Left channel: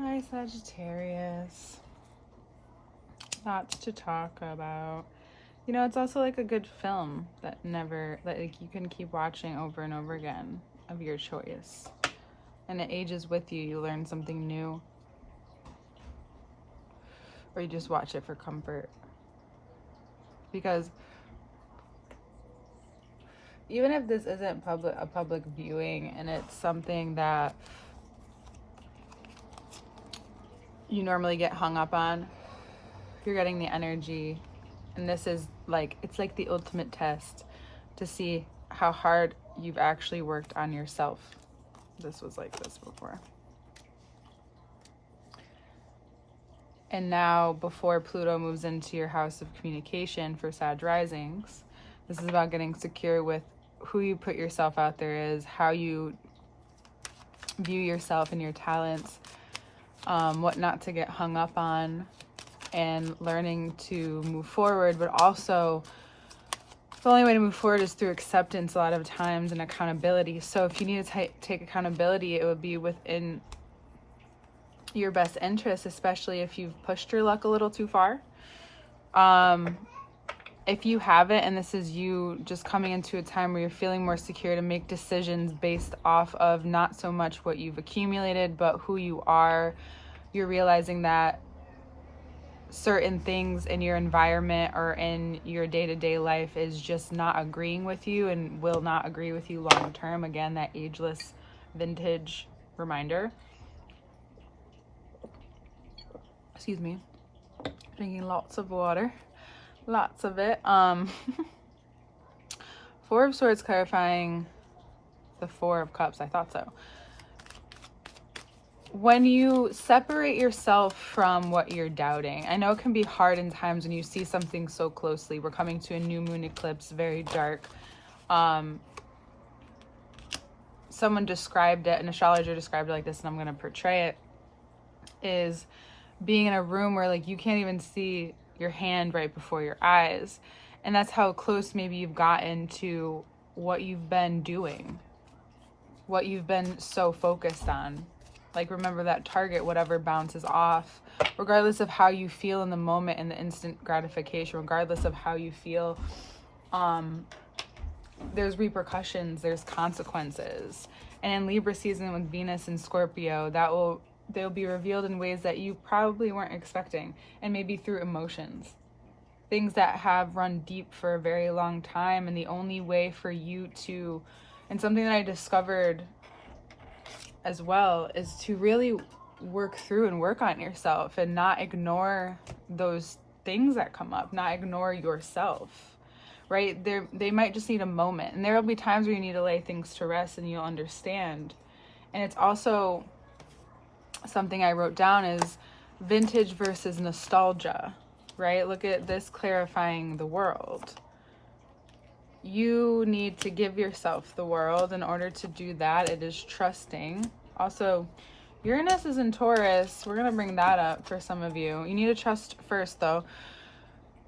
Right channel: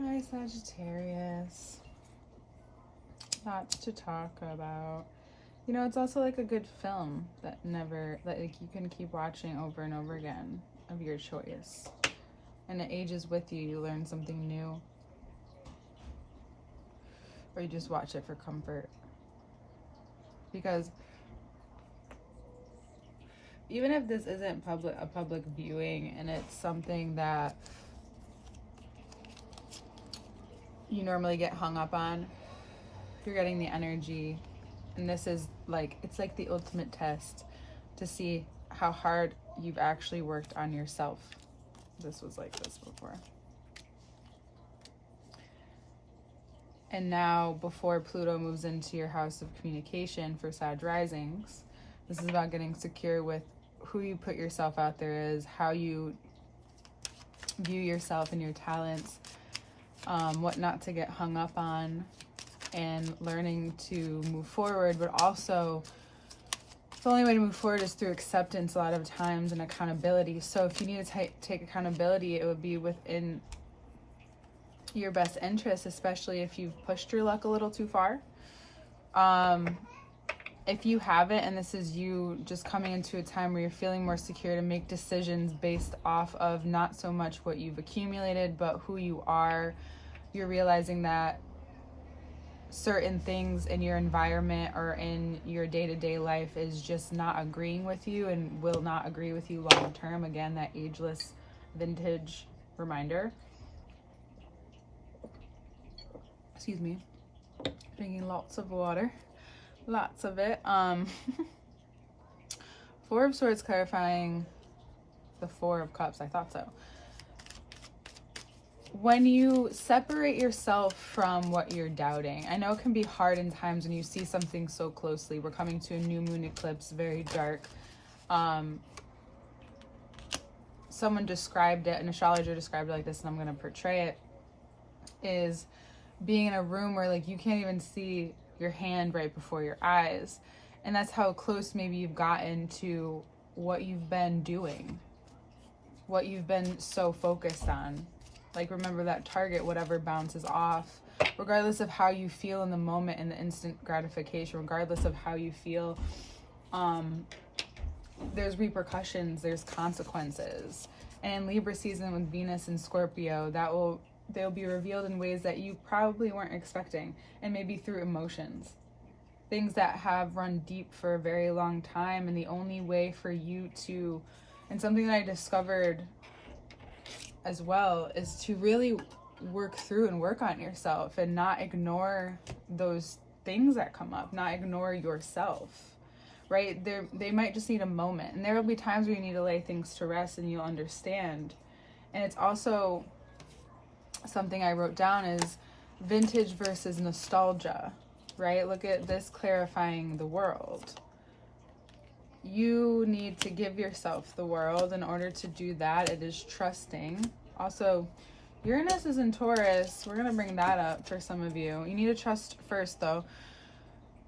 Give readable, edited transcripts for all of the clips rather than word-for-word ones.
Hi, Sagittarius. Lots to talk about. You know, it's also like a good film that like you can keep watching over and over again of your choice. And it ages with you. You learn something new. Or you just watch it for comfort. Because even if this isn't a public viewing and it's something that you normally get hung up on, you're getting the energy, and this is like, it's like the ultimate test to see how hard you've actually worked on yourself. This was like this before. And now, before Pluto moves into your house of communication for Sag risings, this is about getting secure with who you put yourself out there is, how you view yourself and your talents, what not to get hung up on, and learning to move forward. But also, the only way to move forward is through acceptance a lot of times, and accountability. So if you need to take accountability, it would be within your best interest, especially if you've pushed your luck a little too far. If you haven't, and this is you just coming into a time where you're feeling more secure to make decisions based off of not so much what you've accumulated, but who you are, you're realizing that certain things in your environment or in your day-to-day life is just not agreeing with you and will not agree with you long term. Again, that ageless vintage reminder. Excuse me. Drinking lots of water. Lots of it. Four of Swords clarifying the Four of Cups. I thought so. When you separate yourself from what you're doubting, I know it can be hard in times when you see something so closely. We're coming to a new moon eclipse, very dark. Someone described it, an astrologer described it like this, and I'm going to portray it, is being in a room where like you can't even see your hand right before your eyes. And that's how close maybe you've gotten to what you've been doing, what you've been so focused on. Like, remember that target, whatever bounces off, regardless of how you feel in the moment and the instant gratification, regardless of how you feel, there's repercussions, there's consequences. And in Libra season with Venus and Scorpio, they'll be revealed in ways that you probably weren't expecting, and maybe through emotions, things that have run deep for a very long time. And the only way for you to, and something that I discovered as well, is to really work through and work on yourself and not ignore those things that come up, not ignore yourself, right? They might just need a moment, and there will be times where you need to lay things to rest and you'll understand. And it's also something I wrote down is vintage versus nostalgia, right? Look at this clarifying the world. You need to give yourself the world. In order to do that, it is trusting. Also, Uranus is in Taurus. We're going to bring that up for some of you. You need to trust first, though.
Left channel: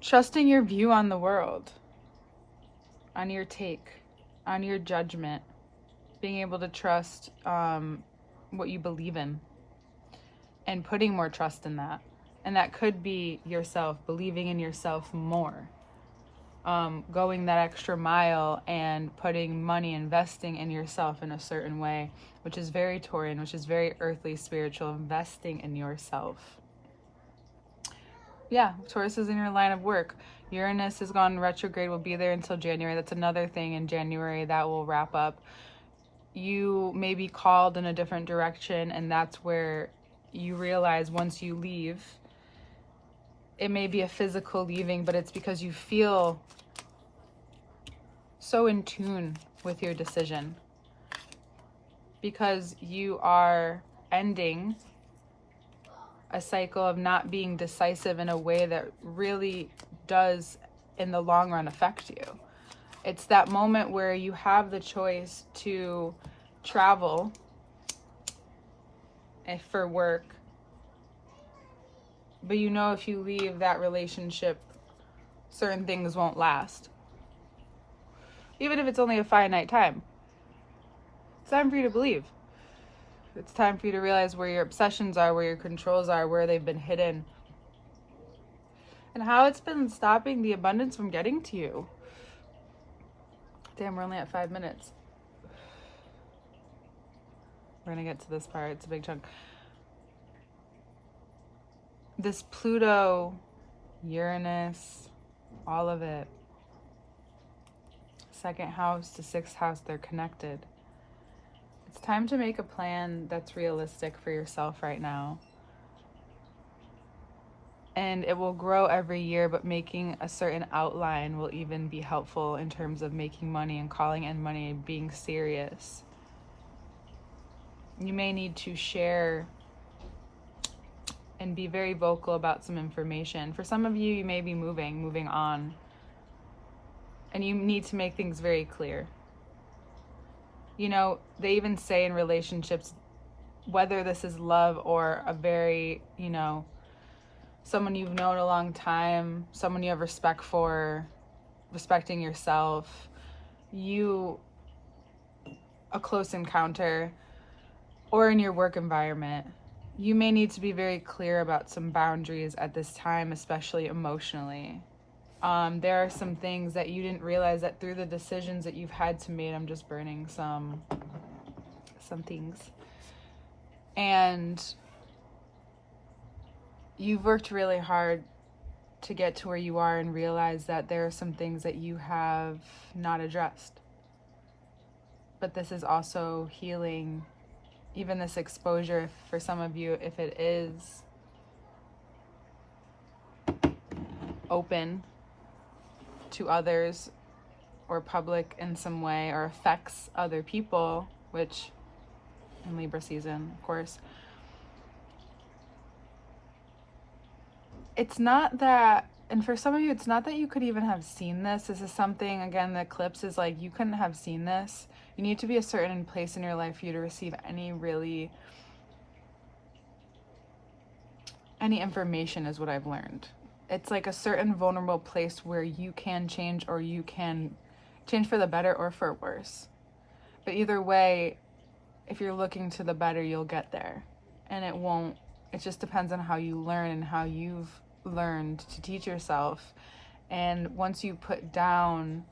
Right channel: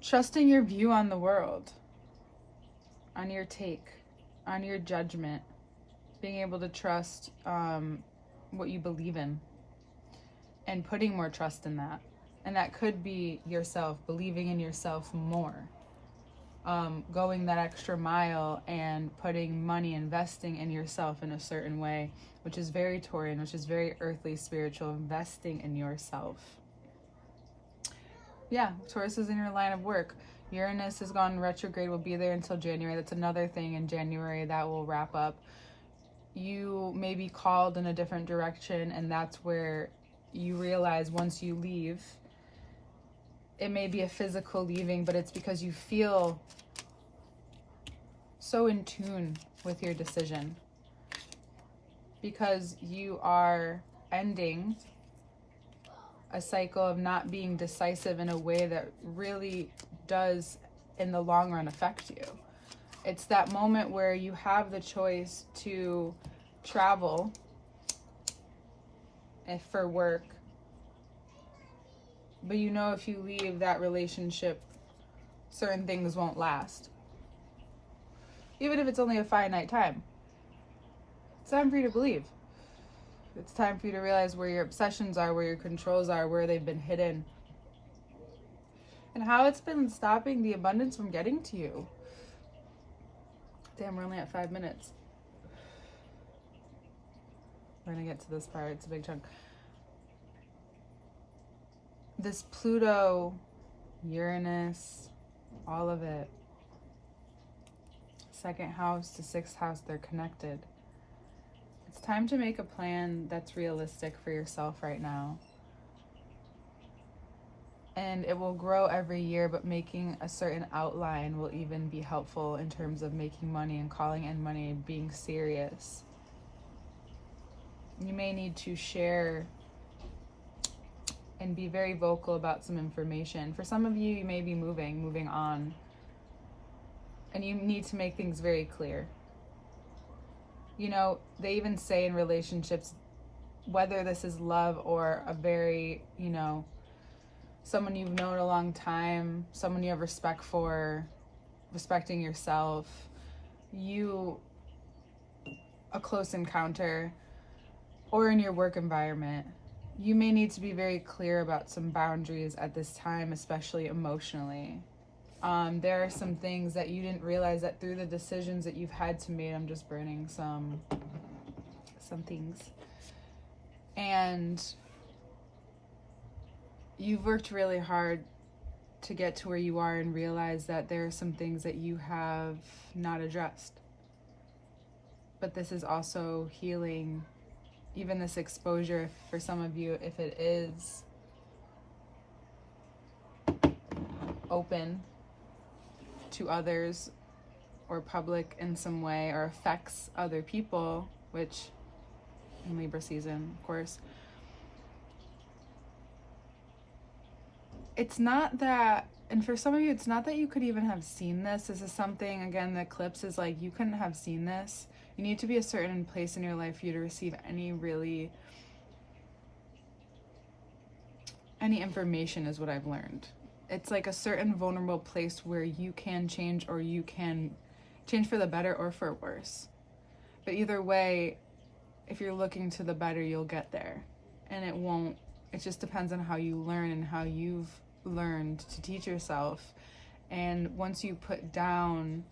Trusting your view on the world, on your take, on your judgment. Being able to trust what you believe in, and putting more trust in that. And that could be yourself, believing in yourself more. Going that extra mile and putting money, investing in yourself in a certain way, which is very Taurian, which is very earthly, spiritual, investing in yourself. Yeah, Taurus is in your line of work. Uranus has gone retrograde, will be there until January. That's another thing in January that will wrap up. You may be called in a different direction, and that's where you realize once you leave, it may be a physical leaving, but it's because you feel so in tune with your decision, because you are ending a cycle of not being decisive in a way that really does in the long run affect you. It's that moment where you have the choice to travel for work, but you know if you leave that relationship, certain things won't last. Even if it's only a finite time. It's time for you to believe. It's time for you to realize where your obsessions are, where your controls are, where they've been hidden, and how it's been stopping the abundance from getting to you. Damn, we're only at 5 minutes. We're going to get to this part. It's a big chunk. This Pluto, Uranus, all of it. Second house to sixth house, they're connected. It's time to make a plan that's realistic for yourself right now. And it will grow every year, but making a certain outline will even be helpful in terms of making money and calling in money and being serious. You may need to share and be very vocal about some information. For some of you, you may be moving on. And you need to make things very clear. You know, they even say in relationships, whether this is love or a very, you know, someone you've known a long time, someone you have respect for, respecting yourself, a close encounter, or in your work environment, you may need to be very clear about some boundaries at this time, especially emotionally. There are some things that you didn't realize that through the decisions that you've had to make. I'm just burning some things. And you've worked really hard to get to where you are and realize that there are some things that you have not addressed. But this is also healing. Even this exposure for some of you, if it is open to others or public in some way or affects other people, which in Libra season, of course, it's not that, and for some of you, it's not that you could even have seen this. This is something, again, the eclipse is like, you couldn't have seen this. You need to be a certain place in your life for you to receive any information is what I've learned. It's like a certain vulnerable place where you can change, or you can change for the better or for worse. But either way, if you're looking to the better, you'll get there. And it just depends on how you learn and how you've learned to teach yourself. And once you put down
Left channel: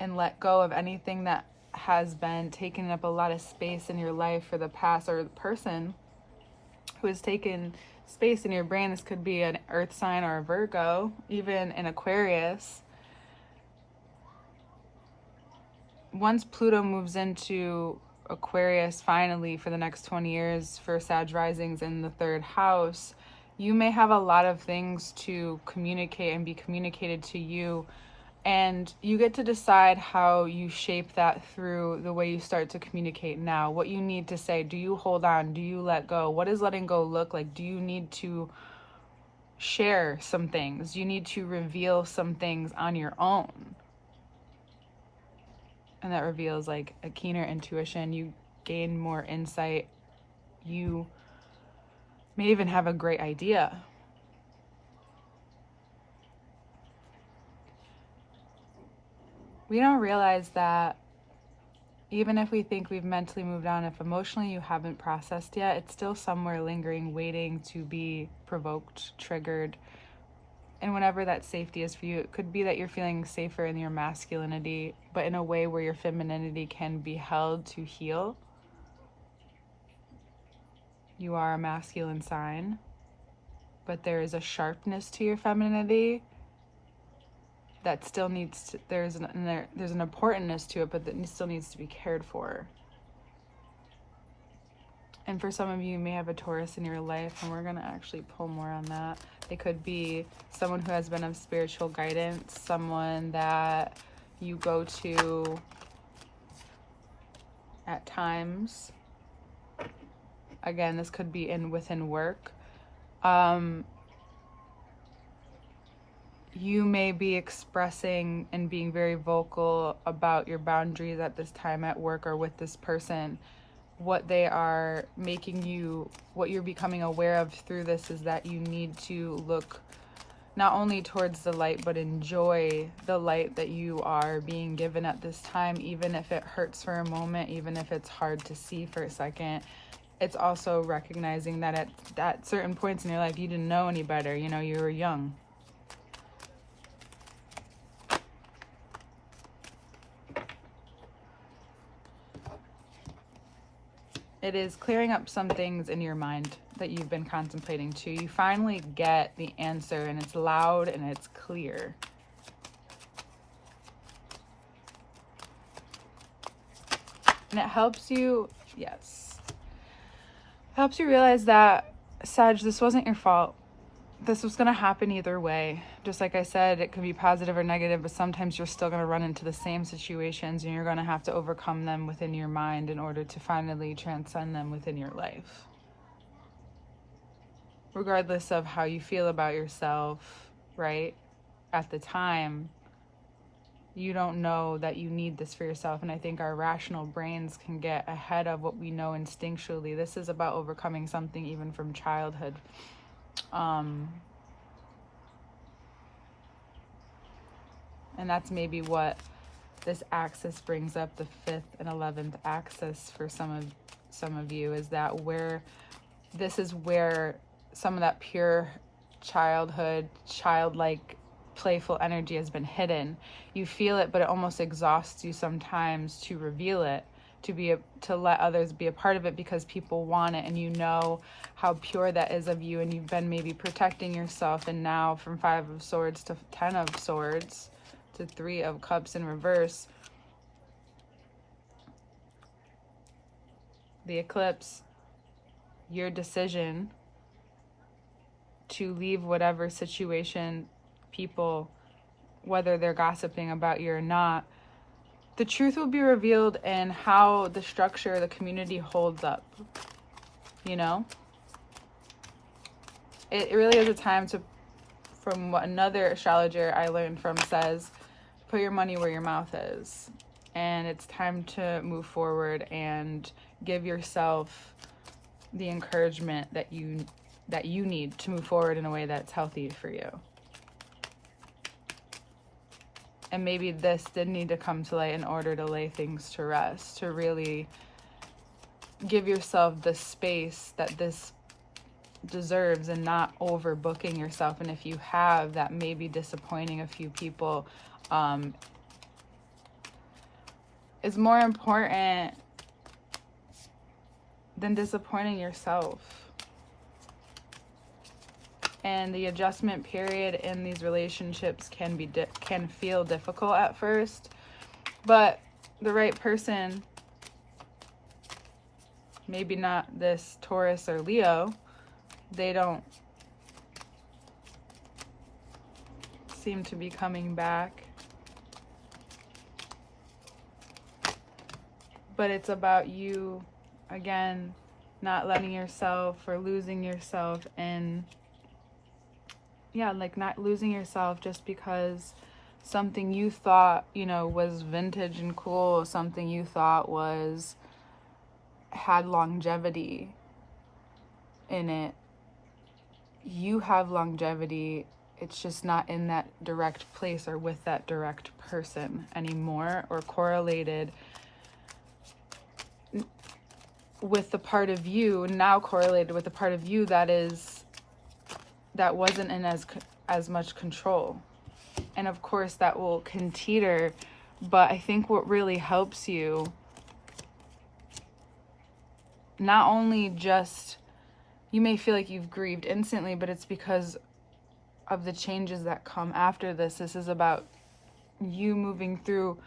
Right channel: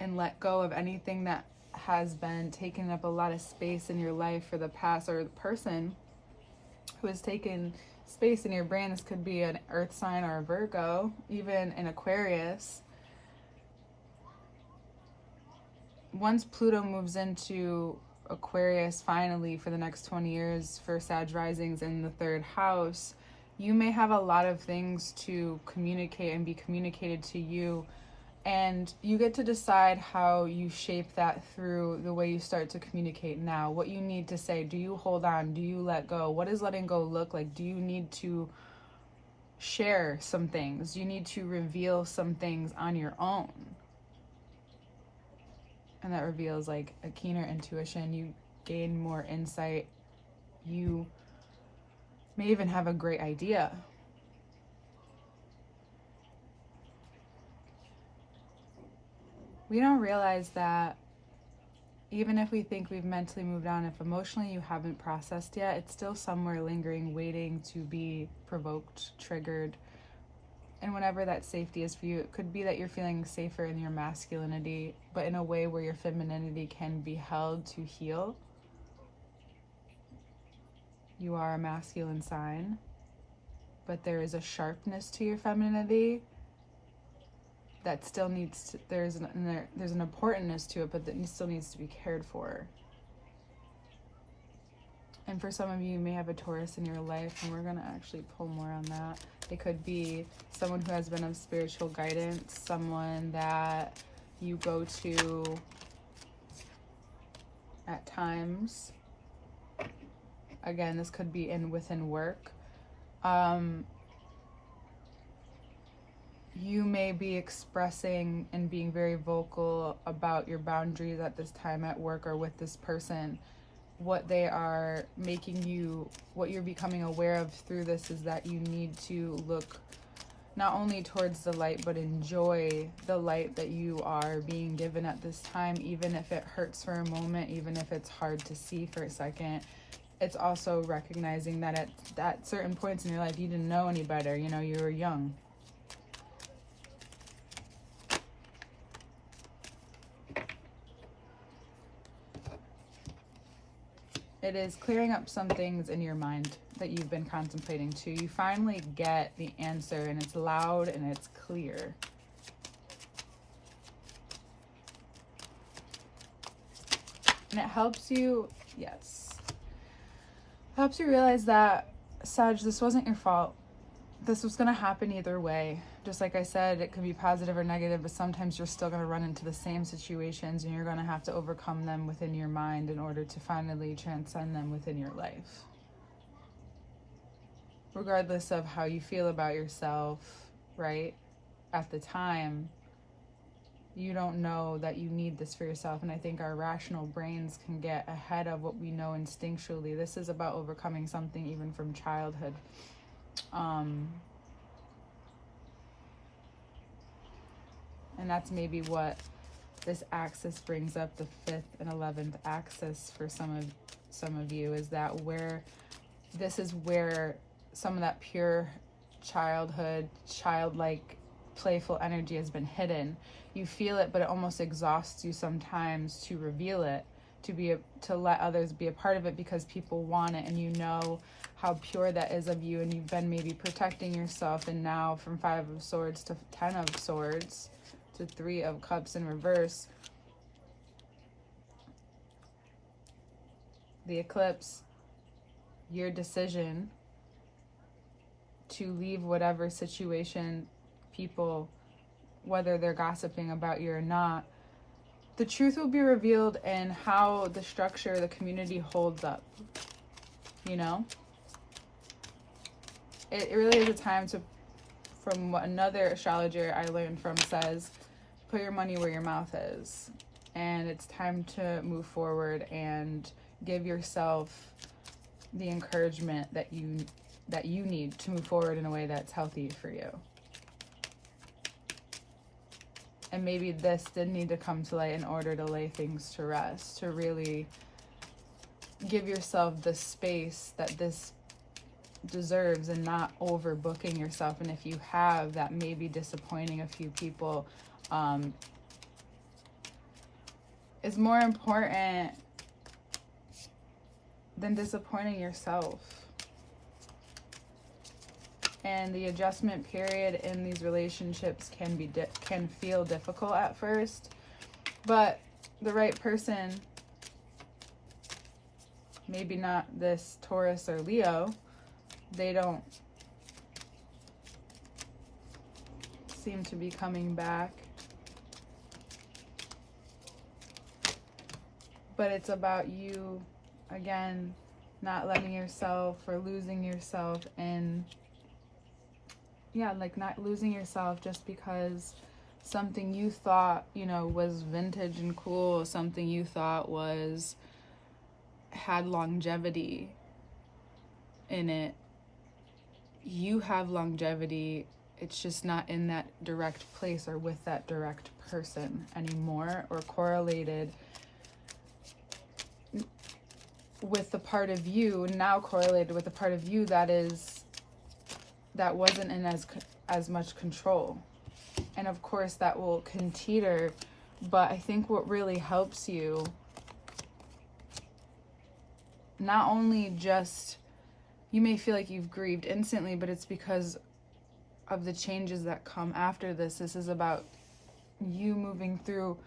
and let go of anything that has been taking up a lot of space in your life for the past, or the person who has taken space in your brain, this could be an earth sign or a Virgo, even an Aquarius. Once Pluto moves into Aquarius finally for the next 20 years for Sag risings in the third house, you may have a lot of things to communicate and be communicated to you. And you get to decide how you shape that through the way you start to communicate now. What you need to say. Do you hold on? Do you let go? What does letting go look like? Do you need to share some things? Do you need to reveal some things on your own? And that reveals like a keener intuition. You gain more insight. You may even have a great idea. We don't realize that even if we think we've mentally moved on, if emotionally you haven't processed yet, it's still somewhere lingering, waiting to be provoked, triggered. And whenever that safety is for you, it could be that you're feeling safer in your masculinity, but in a way where your femininity can be held to heal. You are a masculine sign, but there is a sharpness to your femininity that still needs to, there's an importantness to it, but that still needs to be cared for. And for some of you, you may have a Taurus in your life, and we're going to actually pull more on that. It could be someone who has been of spiritual guidance, someone that you go to at times. Again, this could be within work. You may be expressing and being very vocal about your boundaries at this time at work or with this person. What they are making you, what you're becoming aware of through this is that you need to look not only towards the light, but enjoy the light that you are being given at this time, even if it hurts for a moment, even if it's hard to see for a second. it's also recognizing that at certain points in your life, you didn't know any better. You know, you were young. It is clearing up some things in your mind that you've been contemplating too. You finally get the answer, and it's loud and it's clear. And it helps you, yes, helps you realize that, Sag, this wasn't your fault. This was going to happen either way. Just like I said, it could be positive or negative, but sometimes you're still going to run into the same situations, and you're going to have to overcome them within your mind in order to finally transcend them within your life. Regardless of how you feel about yourself, right? At the time, you don't know that you need this for yourself. And I think our rational brains can get ahead of what we know instinctually. This is about overcoming something even from childhood. And that's maybe what this axis brings up, the 5th and 11th axis for some of you, is that this is where some of that pure childhood, childlike, playful energy has been hidden. You feel it, but it almost exhausts you sometimes to reveal it, to let others be a part of it, because people want it, and you know how pure that is of you, and you've been maybe protecting yourself. And now from 5 of Swords to 10 of Swords to 3 of Cups in reverse, the eclipse, your decision to leave whatever situation, people, whether they're gossiping about you or not, the truth will be revealed in how the structure, the community holds up. You know, it really is a time to, from what another astrologer I learned from says, put your money where your mouth is. And it's time to move forward and give yourself the encouragement that you need to move forward in a way that's healthy for you. And maybe this did need to come to light in order to lay things to rest, to really give yourself the space that this deserves, and not overbooking yourself. And if you have, that may be disappointing a few people, is more important than disappointing yourself. And the adjustment period in these relationships can feel difficult at first, but the right person, maybe not this Taurus or Leo, they don't seem to be coming back. But it's about you, again, not letting yourself or losing yourself in, not losing yourself just because something you thought, was vintage and cool, something you thought had longevity in it. You have longevity. It's just not in that direct place or with that direct person anymore, or correlated with the part of you, now correlated with the part of you that wasn't in as much control. And of course that will teeter, but I think what really helps you, not only just, you may feel like you've grieved instantly, but it's because of the changes that come after this. This is about you moving through,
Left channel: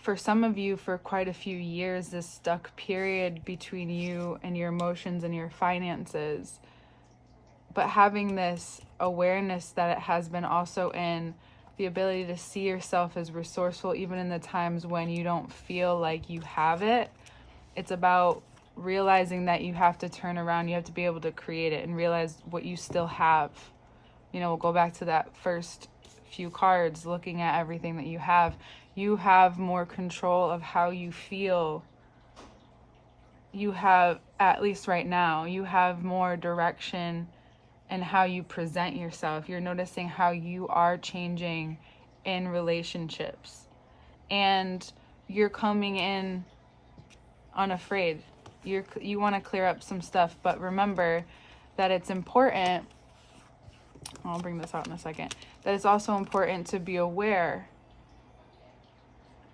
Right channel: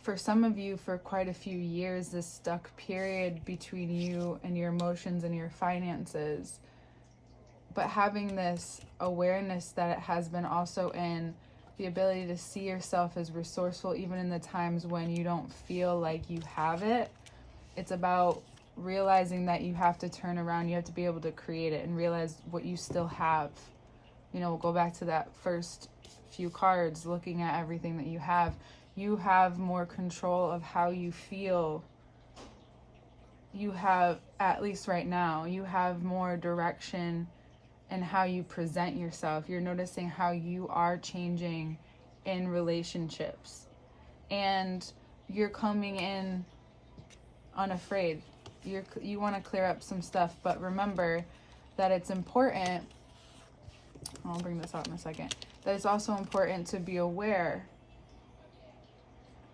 for some of you, for quite a few years, this stuck period between you and your emotions and your finances. But having this awareness that it has been also in the ability to see yourself as resourceful, even in the times when you don't feel like you have it. It's about realizing that you have to turn around, you have to be able to create it and realize what you still have. We'll go back to that first few cards, looking at everything that you have. You have more control of how you feel. You have, at least right now, you have more direction in how you present yourself. You're noticing how you are changing in relationships. And you're coming in unafraid. You want to clear up some stuff, but remember that it's important, I'll bring this out in a second, that it's also important to be aware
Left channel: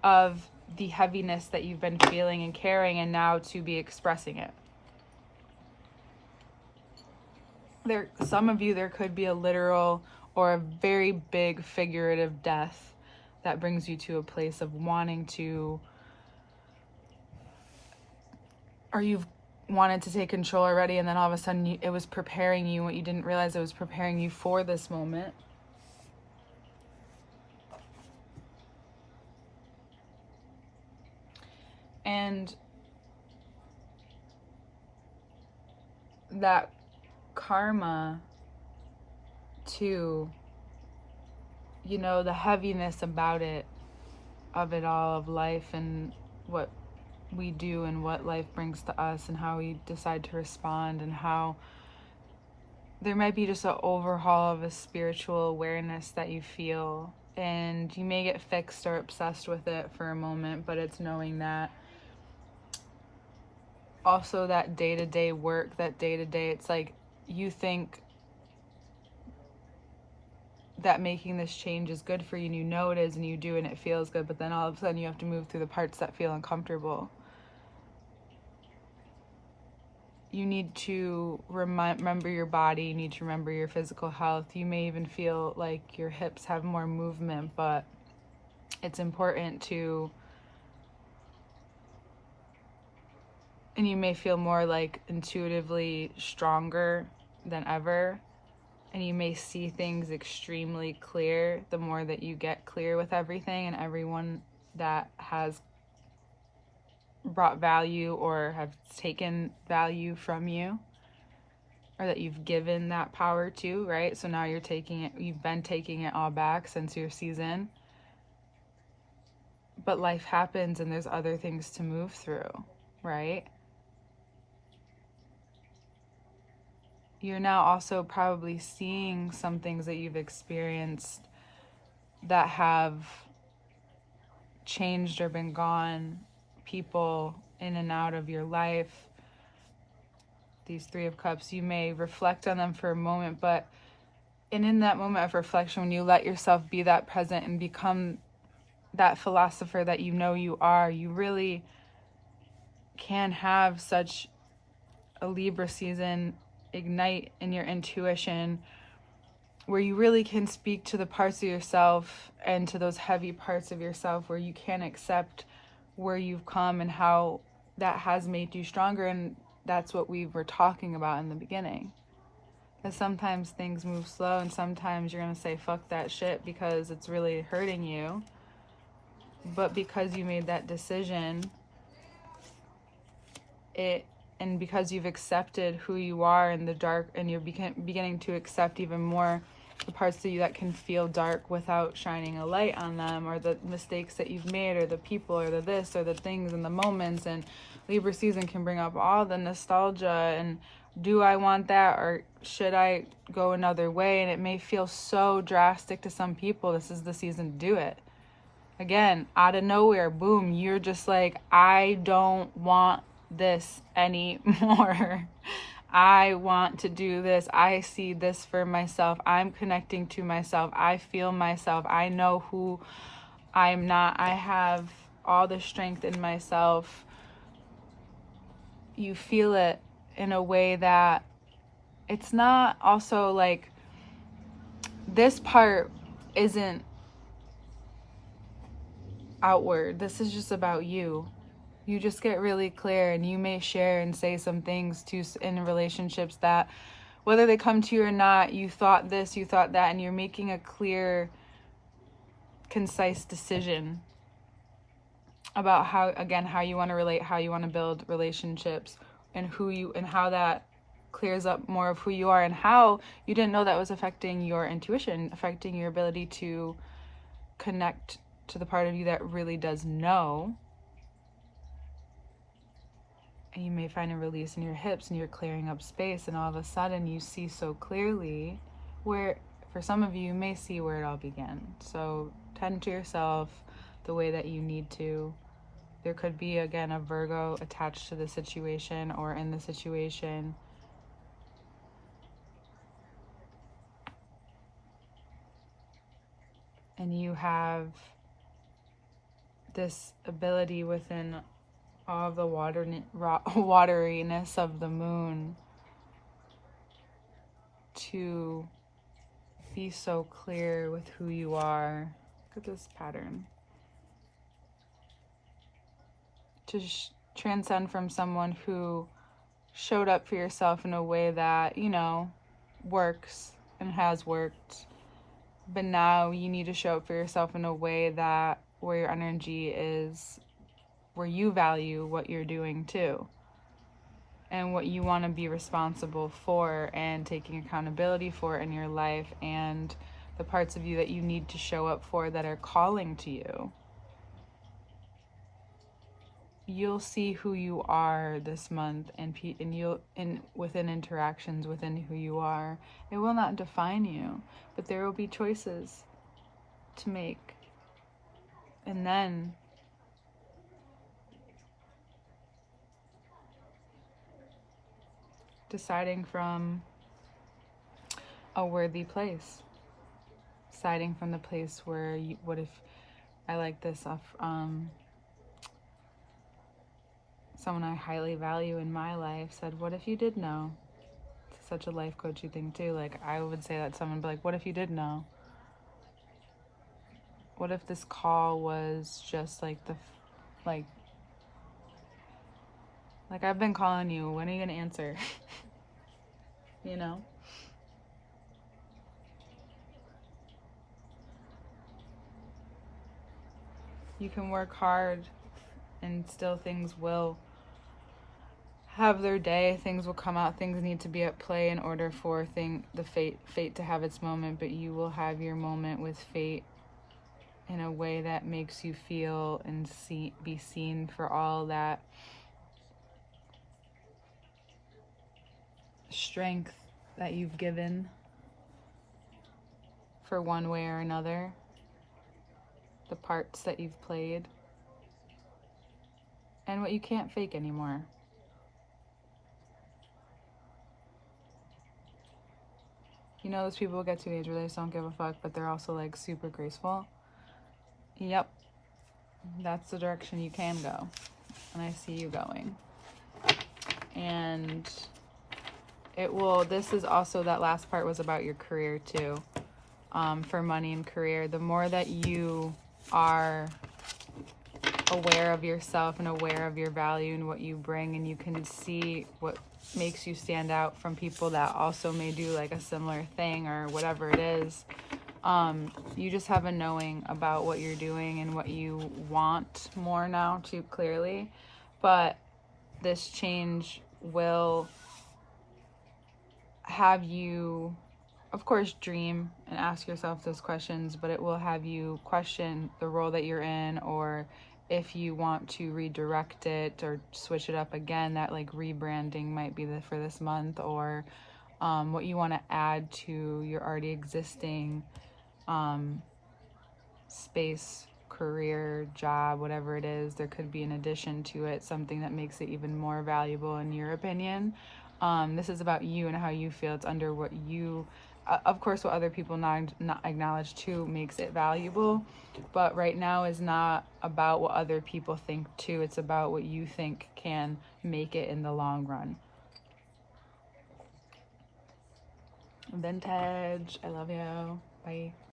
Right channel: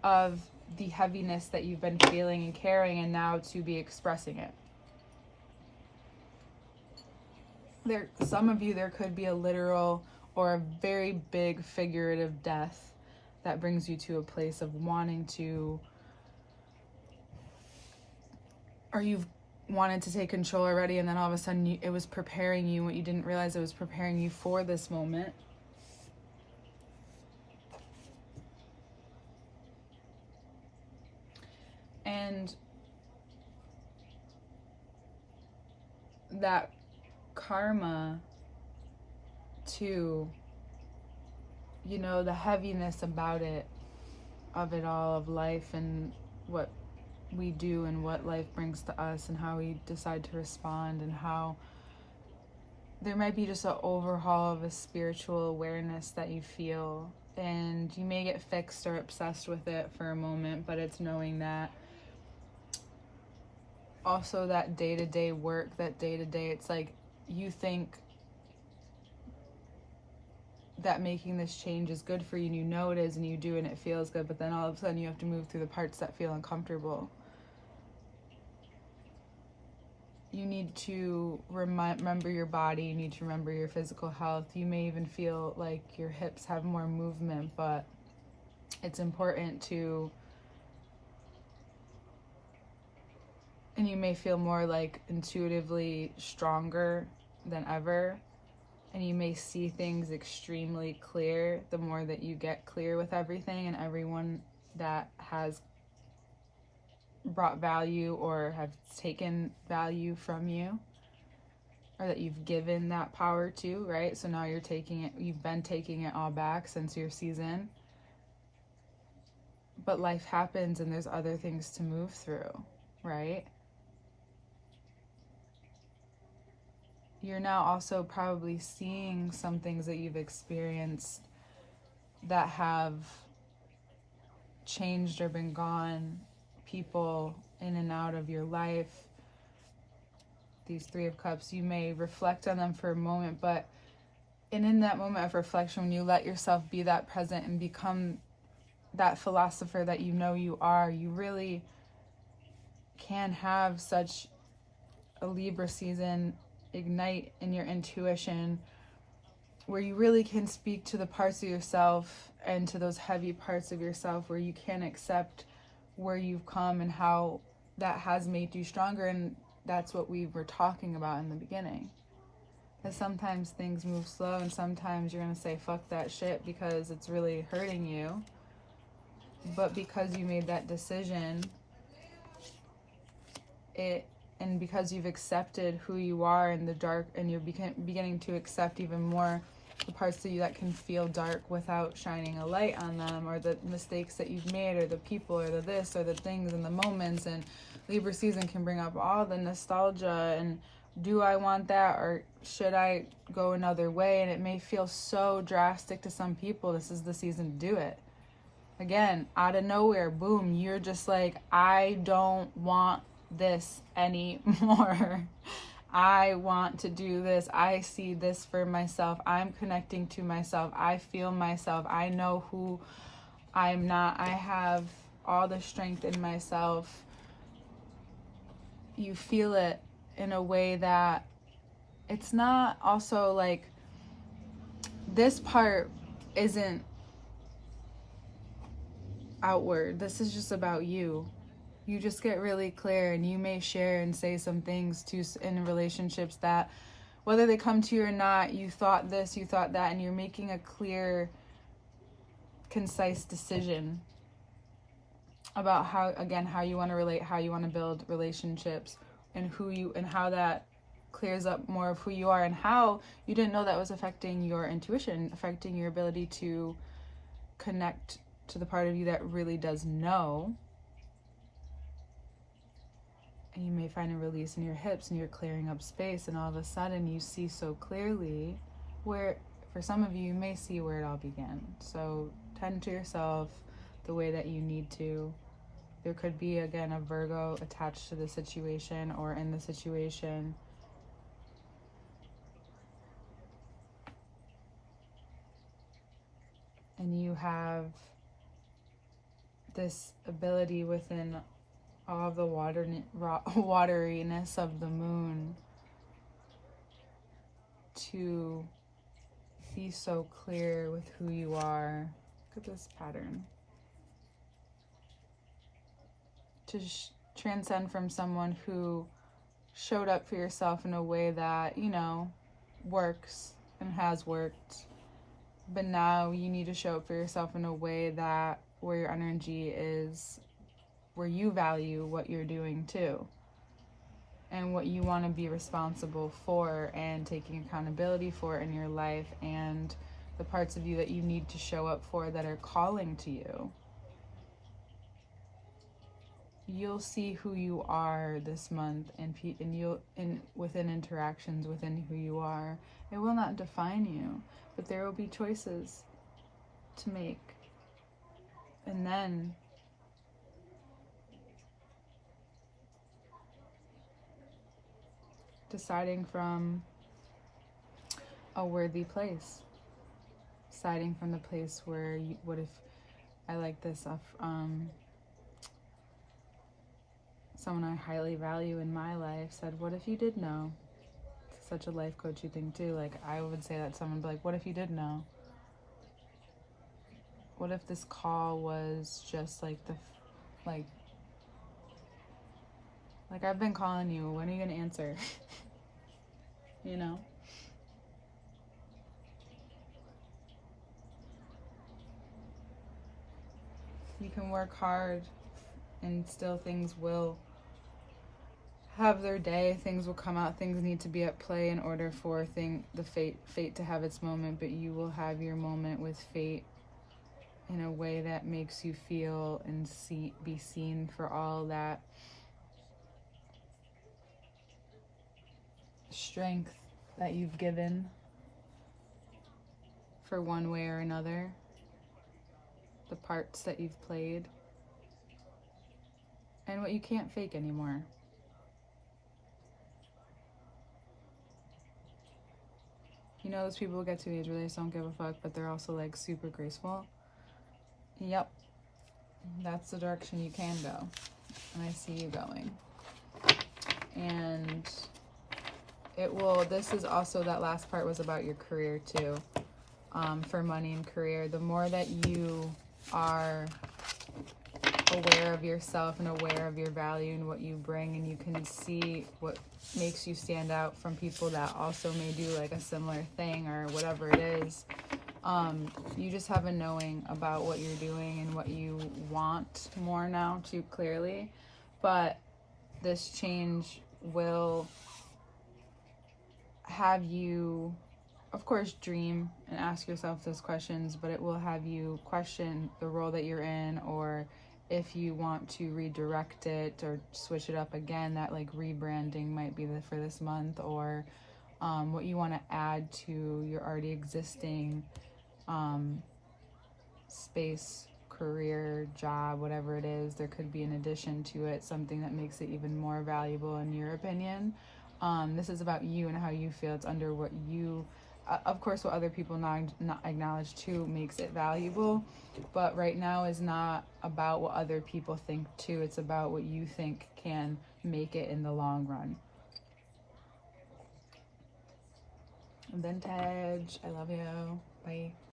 of the heaviness that you've been feeling and carrying, and now to be expressing it. Some of you, there could be a literal or a very big figurative death that brings you to a place of wanting to, or you've wanted to take control already, and then all of a sudden it was preparing you, what you didn't realize, it was preparing you for this moment. And that karma too, you know, the heaviness about it, of it all, of life and what we do and what life brings to us and how we decide to respond, and how there might be just an overhaul of a spiritual awareness that you feel, and you may get fixed or obsessed with it for a moment, but it's knowing that also that day-to-day work, that day-to-day, it's like you think that making this change is good for you, and you know it is, and you do, and it feels good, but then all of a sudden you have to move through the parts that feel uncomfortable. You need to remember your body, you need to remember your physical health. You may even feel like your hips have more movement, but it's important to, and you may feel more like intuitively stronger than ever, and you may see things extremely clear the more that you get clear with everything and everyone that has brought value or have taken value from you, or that you've given that power to, right? So now you've been taking it all back since your season. But life happens and there's other things to move through, right? You're now also probably seeing some things that you've experienced that have changed or been gone, people in and out of your life. These Three of Cups, you may reflect on them for a moment, and in that moment of reflection, when you let yourself be that present and become that philosopher that you know you are, you really can have such a Libra season ignite in your intuition, where you really can speak to the parts of yourself and to those heavy parts of yourself, where you can accept where you've come and how that has made you stronger. And that's what we were talking about in the beginning. Because sometimes things move slow, and sometimes you're going to say, fuck that shit, because it's really hurting you. But because you made that decision, and because you've accepted who you are in the dark, and you're beginning to accept even more the parts of you that can feel dark without shining a light on them, or the mistakes that you've made, or the people, or the this, or the things and the moments. And Libra season can bring up all the nostalgia and, do I want that, or should I go another way? And it may feel so drastic to some people. This is the season to do it. Again, out of nowhere, boom, you're just like, I don't want this anymore. I want to do this. I see this for myself. I'm connecting to myself. I feel myself. I know who I'm not. I have all the strength in myself. You feel it in a way that it's not also like, this part isn't outward. This is just about you. You just get really clear, and you may share and say some things in relationships that, whether they come to you or not, you thought this, you thought that, and you're making a clear, concise decision about how you want to relate, how you want to build relationships, and how that clears up more of who you are, and how you didn't know that was affecting your intuition, affecting your ability to connect to the part of you that really does know. And you may find a release in your hips, and you're clearing up space, and all of a sudden you see so clearly where, for some of you may see where it all began. So tend to yourself the way that you need to, There could be, again, a Virgo attached to the situation or in the situation. And you have this ability within all the wateriness of the moon to be so clear with who you are. Look at this pattern. To transcend from someone who showed up for yourself in a way that, you know, works and has worked. But now you need to show up for yourself in a way that where your energy is, where you value what you're doing too. And what you want to be responsible for and taking accountability for in your life, and the parts of you that you need to show up for that are calling to you. You'll see who you are this month, and you'll within interactions within who you are. It will not define you, but there will be choices to make. And then deciding from a worthy place. Deciding from the place where you, what if, I like this off, someone I highly value in my life said, what if you did know? It's such a life coachy thing too. Like, I would say that to someone, be like, what if you did know? What if this call was just like like I've been calling you, when are you gonna answer? You know? You can work hard and still things will have their day. Things will come out. Things need to be at play in order for the fate to have its moment, but you will have your moment with fate in a way that makes you feel and be seen for all that strength that you've given for one way or another, the parts that you've played, and what you can't fake anymore. You know, those people get to the age where they just don't give a fuck, but they're also like super graceful. Yep, that's the direction you can go, and I see you going. And it will, this is also, that last part was about your career too. For money and career, the more that you are aware of yourself and aware of your value and what you bring, and you can see what makes you stand out from people that also may do like a similar thing or whatever it is, you just have a knowing about what you're doing and what you want more now too clearly. But this change will have you, of course, dream and ask yourself those questions, but it will have you question the role that you're in, or if you want to redirect it or switch it up again, that like rebranding might be for this month, or what you want to add to your already existing space, career, job, whatever it is. There could be an addition to it, something that makes it even more valuable in your opinion. This is about you and how you feel. It's under what you, of course, what other people not acknowledge too makes it valuable, but right now is not about what other people think too. It's about what you think can make it in the long run. Vintage, I love you. Bye.